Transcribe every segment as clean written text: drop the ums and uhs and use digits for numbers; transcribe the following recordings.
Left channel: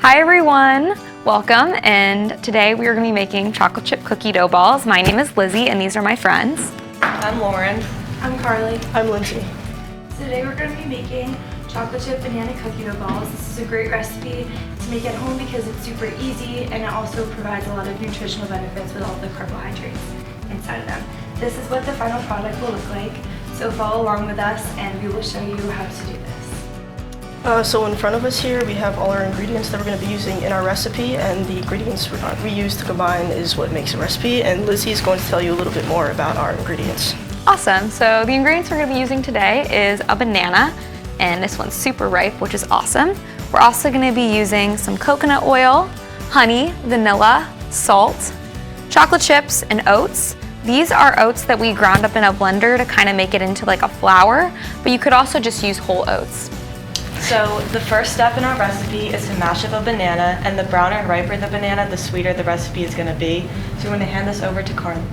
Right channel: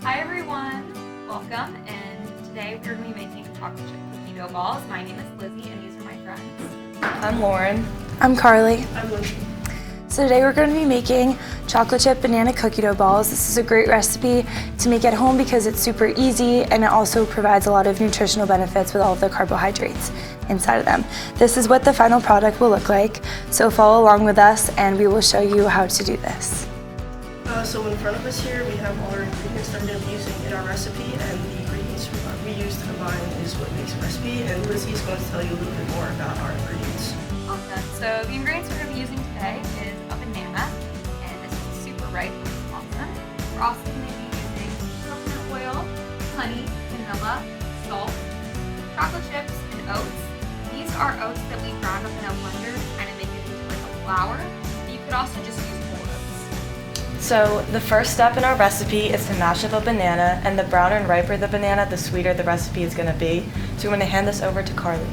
Hi everyone, welcome, and today we are going to be making chocolate chip cookie dough balls. My name is Lizzie and these are my friends. I'm Lauren. I'm Carly. I'm Lindsay. So today we're going to be making chocolate chip banana cookie dough balls. This is a great recipe to make at home because it's super easy and it also provides a lot of nutritional benefits with all of the carbohydrates inside of them. This is what the final product will look like, so follow along with us and we will show you how to do this. So in front of us here we have all our ingredients that we're going to be using in our recipe, and the ingredients we use to combine is what makes a recipe, and Lizzie is going to tell you a little bit more about our ingredients. Awesome, so the ingredients we're going to be using today is a banana, and this one's super ripe, which is awesome. We're also going to be using some coconut oil, honey, vanilla, salt, chocolate chips, and oats. These are oats that we ground up in a blender to kind of make it into like a flour, but you could also just use whole oats. So the first step in our recipe is to mash up a banana, and the browner and riper the banana, the sweeter the recipe is going to be. So we're going to hand this over to Carly.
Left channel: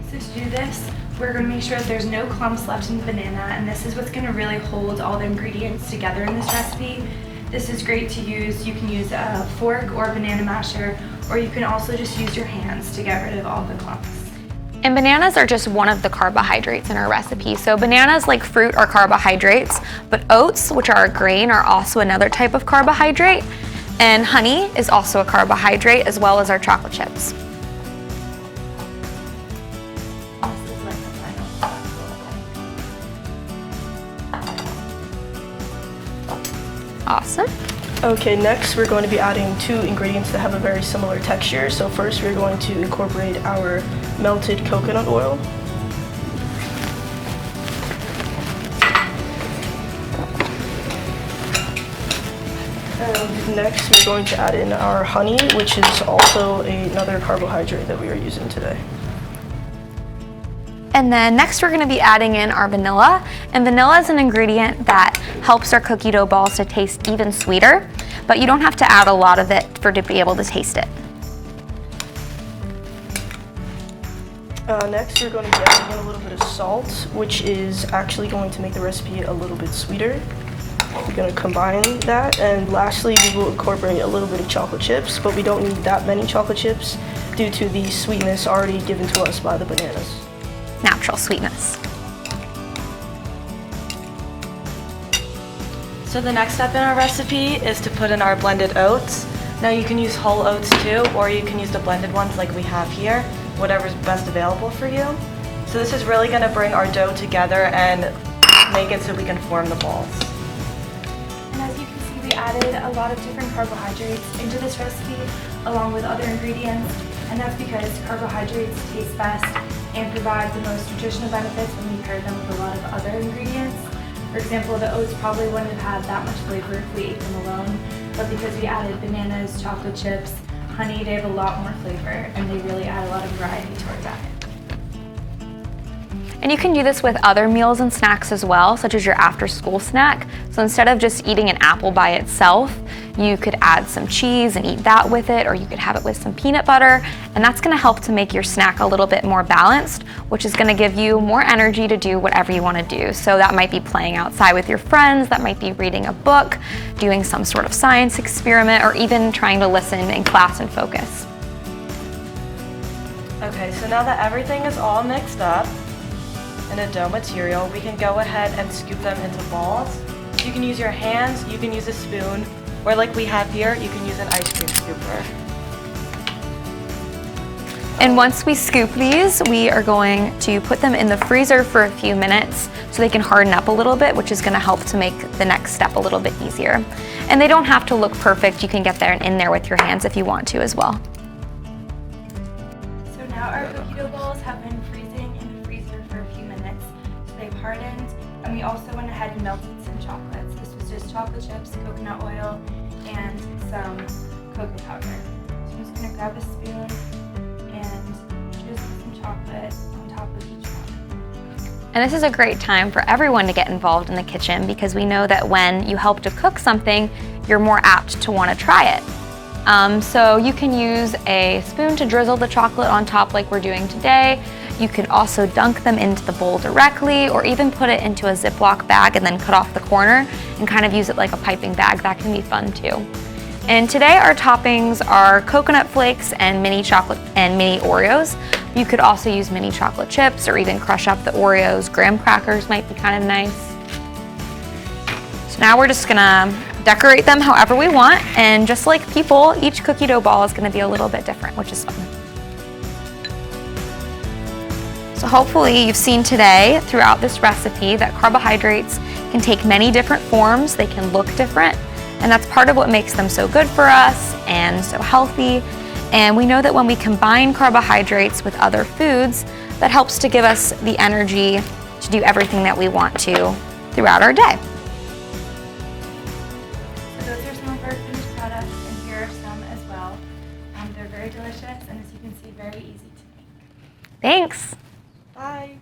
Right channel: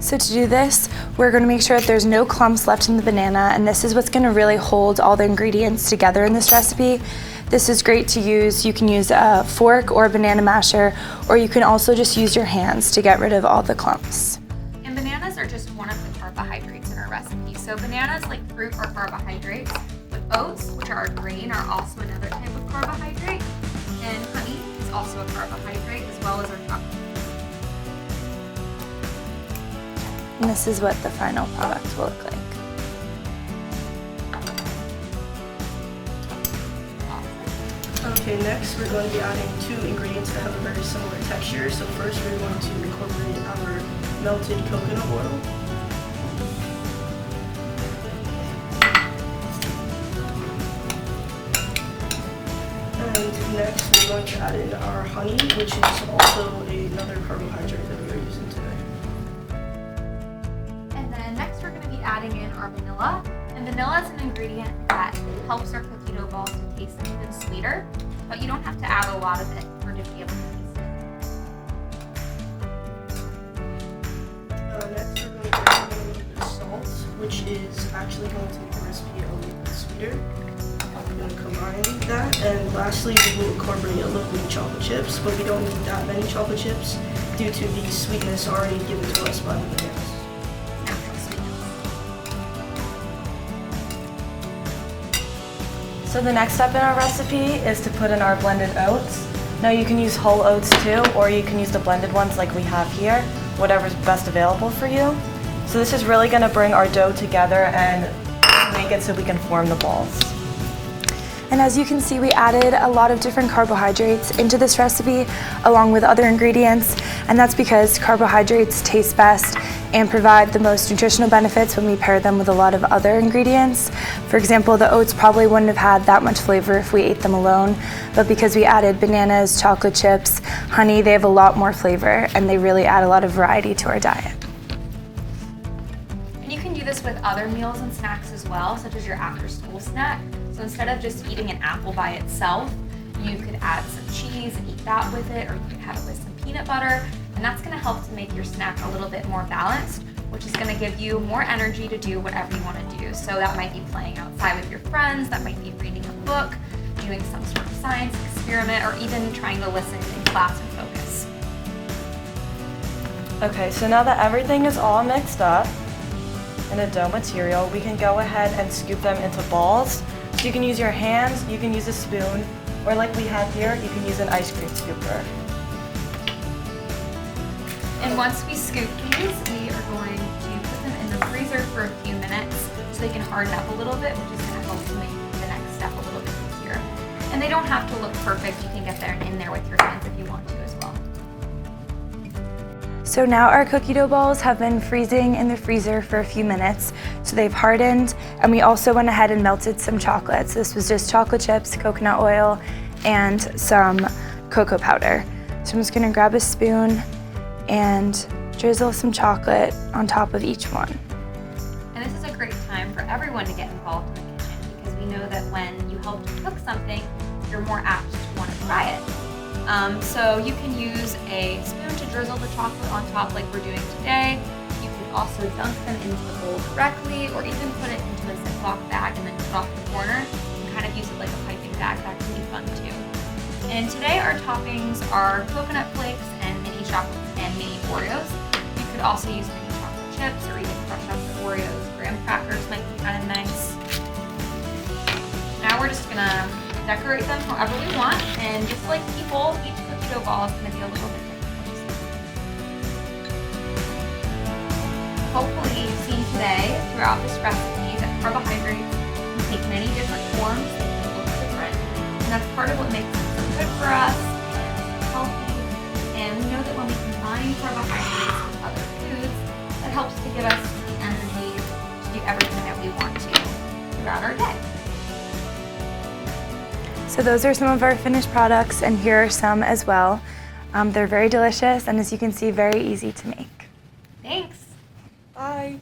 So to do this, we're going to make sure that there's no clumps left in the banana, and this is what's going to really hold all the ingredients together in this recipe. This is great to use. You can use a fork or a banana masher, or you can also just use your hands to get rid of all the clumps. And bananas are just one of the carbohydrates in our recipe. So bananas, like fruit, are carbohydrates, but oats, which are a grain, are also another type of carbohydrate. And honey is also a carbohydrate, as well as our chocolate chips. And this is what the final product will look like. Awesome. Okay, next we're going to be adding two ingredients that have a very similar texture. So first we're going to incorporate our melted coconut oil. And next we're going to add in our honey, which is also another carbohydrate that we are using today. And then next we're going to be adding in our vanilla. And vanilla is an ingredient that helps our cookie dough balls to taste even sweeter, but you don't have to add a lot of it to be able to taste it. Next we're going to be adding in a little bit of salt, which is actually going to make the recipe a little bit sweeter. We're going to combine that, and lastly we will incorporate a little bit of chocolate chips, but we don't need that many chocolate chips due to the sweetness already given to us by the bananas. Natural sweetness. So the next step in our recipe is to put in our blended oats. Now you can use whole oats too, or you can use the blended ones like we have here, whatever's best available for you. So this is really going to bring our dough together and make it so we can form the balls. And as you can see, we added a lot of different carbohydrates into this recipe along with other ingredients, and that's because carbohydrates taste best and provide the most nutritional benefits when we pair them with a lot of other ingredients. For example, the oats probably wouldn't have had that much flavor if we ate them alone, but because we added bananas, chocolate chips, honey, they have a lot more flavor and they really add a lot of variety to our diet. And you can do this with other meals and snacks as well, such as your after-school snack. So instead of just eating an apple by itself, you could add some cheese and eat that with it, or you could have it with some peanut butter, and that's gonna help to make your snack a little bit more balanced, which is gonna give you more energy to do whatever you wanna do. So that might be playing outside with your friends, that might be reading a book, doing some sort of science experiment, or even trying to listen in class and focus. Okay, so now that everything is all mixed up in the dough material, we can go ahead and scoop them into balls. So you can use your hands, you can use a spoon, or like we have here, you can use an ice cream scooper. And once we scoop these, we are going to put them in the freezer for a few minutes so they can harden up a little bit, which is gonna help to make the next step a little bit easier. And they don't have to look perfect. You can get there and in there with your hands if you want to as well. So now our cookie dough balls have been freezing in the freezer for a few minutes, so they've hardened, and we also went ahead and melted some chocolate. So this was just chocolate chips, coconut oil, and some cocoa powder. So I'm just gonna grab a spoon and drizzle some chocolate on top of each one. And this is a great time for everyone to get involved in the kitchen because we know that when you help to cook something, you're more apt to want to try it. So you can use a spoon to drizzle the chocolate on top like we're doing today. You could also dunk them into the bowl directly, or even put it into a Ziploc bag and then cut off the corner and kind of use it like a piping bag. That can be fun too. And today our toppings are coconut flakes and mini chocolate and mini Oreos. You could also use mini chocolate chips or even crush up the Oreos. Graham crackers might be kind of nice. So now we're just gonna decorate them however we want, and just like people, each cookie dough ball is gonna be a little bit different, which is fun. So hopefully you've seen today throughout this recipe that carbohydrates can take many different forms, they can look different, and that's part of what makes them so good for us and so healthy. And we know that when we combine carbohydrates with other foods, that helps to give us the energy to do everything that we want to throughout our day. So those are some of our finished products, and here are some as well. They're very delicious, and as you can see, very easy to make. Thanks. Bye.